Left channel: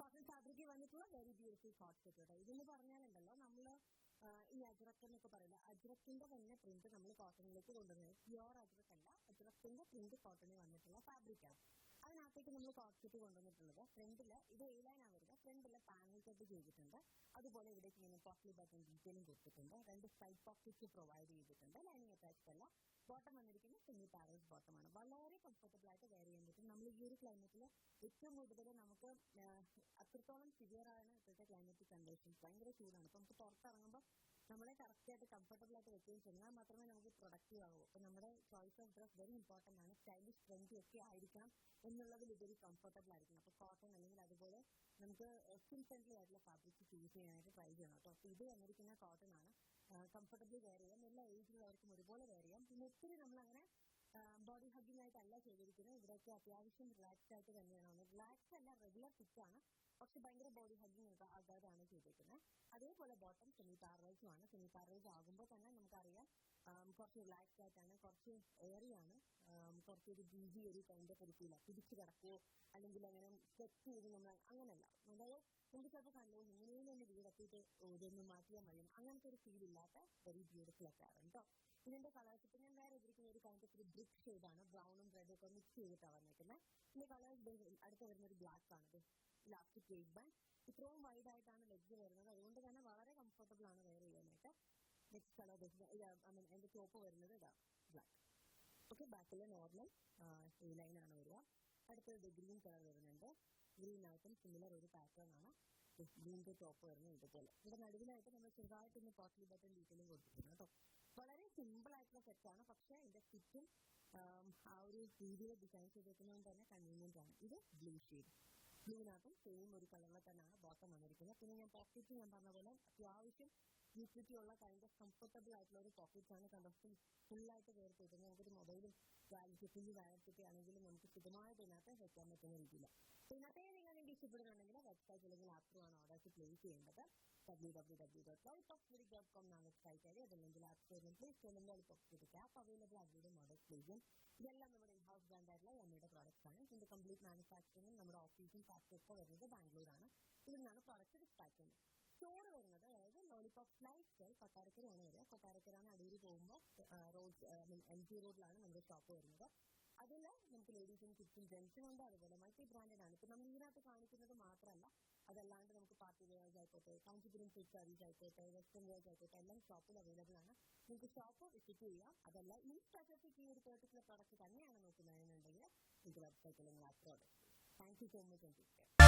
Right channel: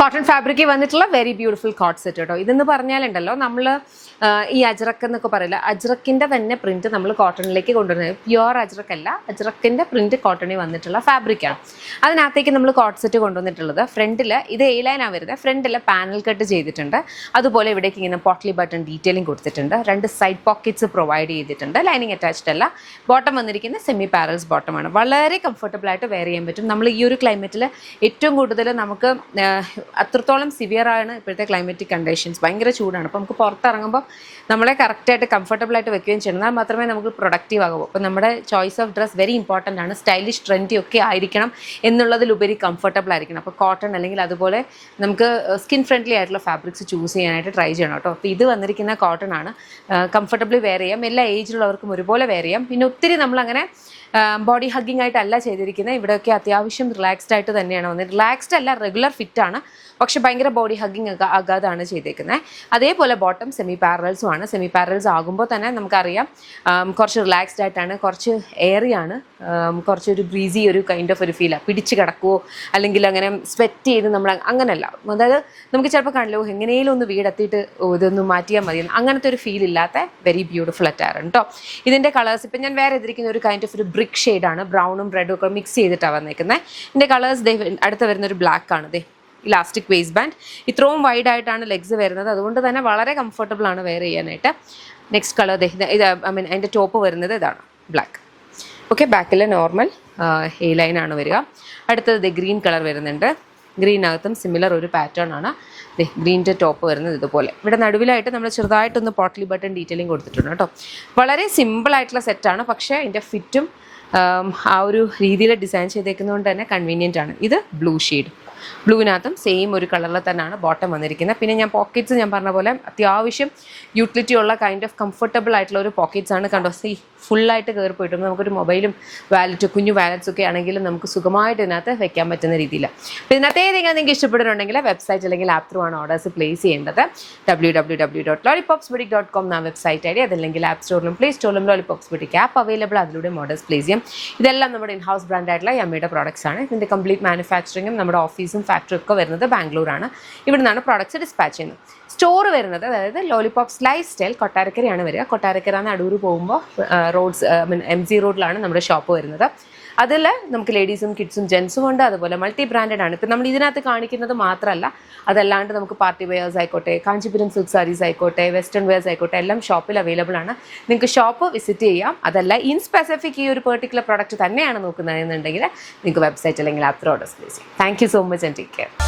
Cotton ഫാബ്രിക്കിൽ വന്നിട്ടുള്ള very beautiful coat set കേട്ടോ. ഇതെന്ന് പറഞ്ഞാലുണ്ടല്ലോ നമ്മൾ ഈ അജ്രക്ക് എന്നൊക്കെ പറയില്ല, അജ്രക്കിൻ്റെ തന്നെ പ്രിന്റ് നമ്മൾ കോട്ടണിലേക്ക് കൊണ്ടുവരുന്നത്. പ്യുവർ അജ്രക്കല്ല, അജ്രക്കിൻ്റെ പ്രിന്റ് കോട്ടണിൽ വന്നിട്ടുള്ള ഫാബ്രിക്കാണ്. അതിനകത്തേക്ക് നമ്മൾ കോട്ട് സെറ്റ് കൊണ്ടുവന്നിട്ടുള്ളത് ഫ്രണ്ടിൽ ഇത് എ ലൈനാണ് വരുന്നത്. ഫ്രണ്ടിൽ പാനൽ കട്ട് ചെയ്തിട്ടുണ്ട്. അതുപോലെ ഇവിടേക്ക് ഇങ്ങനെ പോട്ട്ലി ബട്ടൺ ഡീറ്റെയിലിംഗ് കൊടുത്തിട്ടുണ്ട്. 2 സൈഡ് പോക്കറ്റ്സ് പ്രൊവൈഡ് ചെയ്തിട്ടുണ്ട്. ലൈനിങ് അറ്റാച്ച്ഡ് അല്ല. ബോട്ടം വന്നിരിക്കുന്ന സെമി പാരൽസ് ബോട്ടമാണ്. വളരെ കംഫർട്ടബിൾ ആയിട്ട് വെയർ ചെയ്യാൻ പറ്റും. നമ്മൾ ഈ ഒരു ക്ലൈമറ്റിൽ ഏറ്റവും കൂടുതൽ നമുക്ക് അത്രത്തോളം സിവിയർ ആണ് ഇപ്പോഴത്തെ ക്ലൈമറ്റിക് കണ്ടീഷൻസ്. ഭയങ്കര ചൂടാണ്. അപ്പോൾ നമുക്ക് പുറത്തിറങ്ങുമ്പോൾ നമ്മളെ കറക്റ്റായിട്ട് കംഫർട്ടബിൾ ആയിട്ട് വെക്കുകയും ചെയ്യണം. എന്നാൽ മാത്രമേ നമുക്ക് പ്രൊഡക്റ്റീവ് ആകൂ. അപ്പോൾ നമ്മുടെ choice of dress very important ആണ്. സ്റ്റൈലിഷ് ട്രെൻഡി ഒക്കെ ആയിരിക്കണം എന്നുള്ളതിലുപരി കംഫർട്ടബിൾ ആയിരിക്കണം. അപ്പോൾ കോട്ടൺ അല്ലെങ്കിൽ അതുപോലെ നമുക്ക് സ്കിൻ ഫ്രണ്ട്ലി ആയിട്ടുള്ള ഫാബ്രിക്സ് ചൂസ് ചെയ്യാനായിട്ട് ട്രൈ ചെയ്യണം കേട്ടോ. അപ്പോൾ ഇത് വന്നിരിക്കുന്ന കോട്ടൺ ആണ്. കംഫർട്ടബിളി വെയർ ചെയ്യാം. എല്ലാ ഏജിലുള്ളവർക്കും ഒരുപോലെ വെയർ ചെയ്യാം. പിന്നെ ഒത്തിരി നമ്മളങ്ങനെ ബോഡി ഹഗ്ഗിങ് ആയിട്ടല്ല ചെയ്തിരിക്കുന്നത്. ഇവിടെയൊക്കെ അത്യാവശ്യം റിലാക്സ്ഡ് ആയിട്ട് തന്നെയാണ് വന്നത്. റിലാക്സ്ഡ് അല്ല, റെഗുലർ ഫിറ്റ് ആണ്, പക്ഷെ ഭയങ്കര ബോഡി ഹഗ്ഗിങ് ആകാതാണ് ചെയ്തേക്കുന്നത്. അതേപോലെ ബോട്ടം സെമി പാരൽസും ആണ്. സെമി പാരൽസ് ആകുമ്പോൾ തന്നെ നമുക്കറിയാം കുറച്ച് റിലാക്സ്ഡ് ആയിട്ടാണ്, കുറച്ച് എയറിയാണ്, കുറച്ചൊരു ബ്രീസി ഒരു കൈൻഡ് ഓഫ് ഒരു ഫീലാണ്. പിടിച്ച് കിടക്കുമോ അല്ലെങ്കിൽ അങ്ങനെ സ്വെറ്റ് ചെയ്ത് നമ്മൾ അങ്ങനെയല്ല. അതായത് നമുക്ക് ചിലപ്പോൾ കാണില്ലോ എങ്ങനെയും ഒന്ന് വീടെത്തിയിട്ട് ഇതൊന്ന് മാറ്റിയാൽ മതി, അങ്ങനത്തെ ഒരു ഫീൽ ഇല്ലാത്ത വെരി ബ്യൂട്ടിഫുൾ അറ്റാർ കേട്ടോ. ഇതിൻ്റെ കളേഴ്സ് ഇപ്പം ഞാൻ വേറെ എതിരിക്കുന്ന ഒരു കൈൻഡ് ഓഫ് ഒരു ബ്രിക്ക് ഷെയ്ഡാണ്. ബ്രൗണും റെഡും ഒക്കെ മിക്സ് ചെയ്തിട്ടാണ് വന്നേക്കുന്നത്. ഇതിൻ്റെ കളേഴ്സ് അടുത്ത് വരുന്നൊരു ബ്ലാക്ക് ആണ്. Elastic waste band. ഇത്രയും വൈഡ് ആയിട്ടാണ് ലെഗ്സ് വരുന്നത്. അതുകൊണ്ട് തന്നെ വളരെ കംഫർട്ടബിൾ ആണ് വെയർ ചെയ്യാനായിട്ട്. നെക്സ്റ്റ് കളർ ഇത് ഐ മീൻ അതിൻ്റെ ടോപ്പ് വരുന്നത് ഇതാണ് ബ്ലാക്ക്. ഓക്കെ, ബാക്കിൽ നോർമൽ എ ലൈൻ ആണ് വരിക. അടുത്തത് ഗ്രീൻ കളർ വരുന്നുണ്ട്. ഗ്രീനകത്തും സിമിലർ ഒരു പാറ്റേൺ ആണ്. ഗ്രീൻ്റെ ടോപ്പ് വരുന്നത് ഇതുപോലെ. ഇവിടെ നടുവിലായിട്ട് നമ്മൾ ചെറുതായിട്ടൊന്ന് പോട്ട്ലി ബട്ടൺ ഡീറ്റെയിലിംഗ് കൊടുത്തിട്ടുണ്ട് കേട്ടോ. വളരെ സിമ്പിളായിട്ടുള്ള സെറ്റാണ്, പക്ഷേ അതിൻ്റെ ഫിറ്റും ആ ഒരു രീതിയിൽ ഡിസൈൻ ചെയ്തേക്കുന്നതുകൊണ്ട് തന്നെ കൺവീനിയൻ്റ് ആണ്. ഇത് ബ്ലൂ ഷെയ്ഡ്. ബ്ലൂവിനകത്തും സെയിം ഒരു കളറിൽ തന്നെയാണ് ബോട്ടം വന്നിരിക്കുന്നത്. പിന്നെ ഞാൻ പോക്കറ്റ്സ് ഞാൻ പറഞ്ഞ പോലെ അത്യാവശ്യം യൂട്ടിലിറ്റി ഉള്ള കൈൻഡ് ഓഫ് കംഫർട്ടബിൾ ആയിട്ടുള്ള ഒരു പോക്കറ്റ്സ് ആണ്. കണ്ടോ, ഫുള്ളായിട്ട് കയറി പോയിട്ടുണ്ട്. നമുക്കൊരു മൊബൈലും വാലറ്റും കുഞ്ഞു വാലറ്റ്സ് ഒക്കെ ആണെങ്കിലും നമുക്ക് സുഖമായിട്ട് ഇതിനകത്ത് വെക്കാൻ പറ്റുന്ന രീതിയിൽ. അപ്പോൾ ഇതിനകത്ത് ഏതെങ്കിലും നിങ്ങൾക്ക് ഇഷ്ടപ്പെടുന്നുണ്ടെങ്കിൽ വെബ്സൈറ്റ് അല്ലെങ്കിൽ ആപ്പ് ത്രൂ ആണ് ഓർഡേഴ്സ് പ്ലേസ് ചെയ്യേണ്ടത്. www.lollipopsboutique.com എന്നാണ് വെബ്സൈറ്റ് ഐഡി. അതല്ലെങ്കിൽ ആപ്പ് സ്റ്റോറിലും പ്ലേ സ്റ്റോറിലും ലോളിപോപ്സ് ബുട്ടിക് ആപ്പ് അവൈലബിൾ. അതിലൂടെ ഓർഡേഴ്സ് പ്ലേസ് ചെയ്യാം. ഇതെല്ലാം നമ്മുടെ ഇൻഹൗസ് ബ്രാൻഡായിട്ടുള്ള യമ്മയുടെ പ്രോഡക്ട്സ് ആണ്. ഇതിൻ്റെ കംപ്ലീറ്റ് മാനുഫാക്ചറിങ്ങും നമ്മുടെ ഓഫീസും ഫാക്ടറി ഒക്കെ വരുന്നത് ബാംഗ്ലൂരാണ്. ഇവിടെ നിന്നാണ് പ്രോഡക്ട്സ് ഡിസ്പാച്ച് ചെയ്യുന്നത്. സ്റ്റോർ വരുന്നത് അതായത് ലോളിപോപ്സ് ലൈഫ് സ്റ്റൈൽ കൊട്ടാരക്കരയാണ് വരിക. കൊട്ടാരക്കര അടൂർ പോകുമ്പോൾ റോഡ്സ് MG റോഡിലാണ് നമ്മുടെ ഷോപ്പ് വരുന്നത്. അതിൽ നമുക്ക് ലേഡീസും കിഡ്സും ജെൻസും ഉണ്ട്. അതുപോലെ മൾട്ടി ബ്രാൻഡഡ് ആണ്. ഇപ്പം നമ്മൾ ഇതിനകത്ത് കാണിക്കുന്നത് മാത്രമല്ല, അതല്ലാണ്ട് നമുക്ക് പാർട്ടി വെയേഴ്സ് ആയിക്കോട്ടെ, കാഞ്ചീപുരം സിൽക്ക് സാരീസ് ആയിക്കോട്ടെ, വെസ്റ്റേൺ വെയേഴ്സ് ആയിക്കോട്ടെ, എല്ലാം ഷോപ്പിൽ അവൈലബിൾ ആണ്. നിങ്ങൾക്ക് ഷോപ്പ് വിസിറ്റ് ചെയ്യാം. അതല്ല ഇൻ സ്പെസിഫിക് ഈ ഒരു പെർട്ടിക്കുലർ പ്രോഡക്റ്റ് തന്നെയാണ് നോക്കുന്നതെന്നുണ്ടെങ്കിൽ നിങ്ങൾക്ക് വെബ്സൈറ്റ് അല്ലെങ്കിൽ ആപ്പ് ത്രൂ ഓർഡേഴ്സ് പ്ലേസ് ചെയ്യാം. Thank you so much and take care.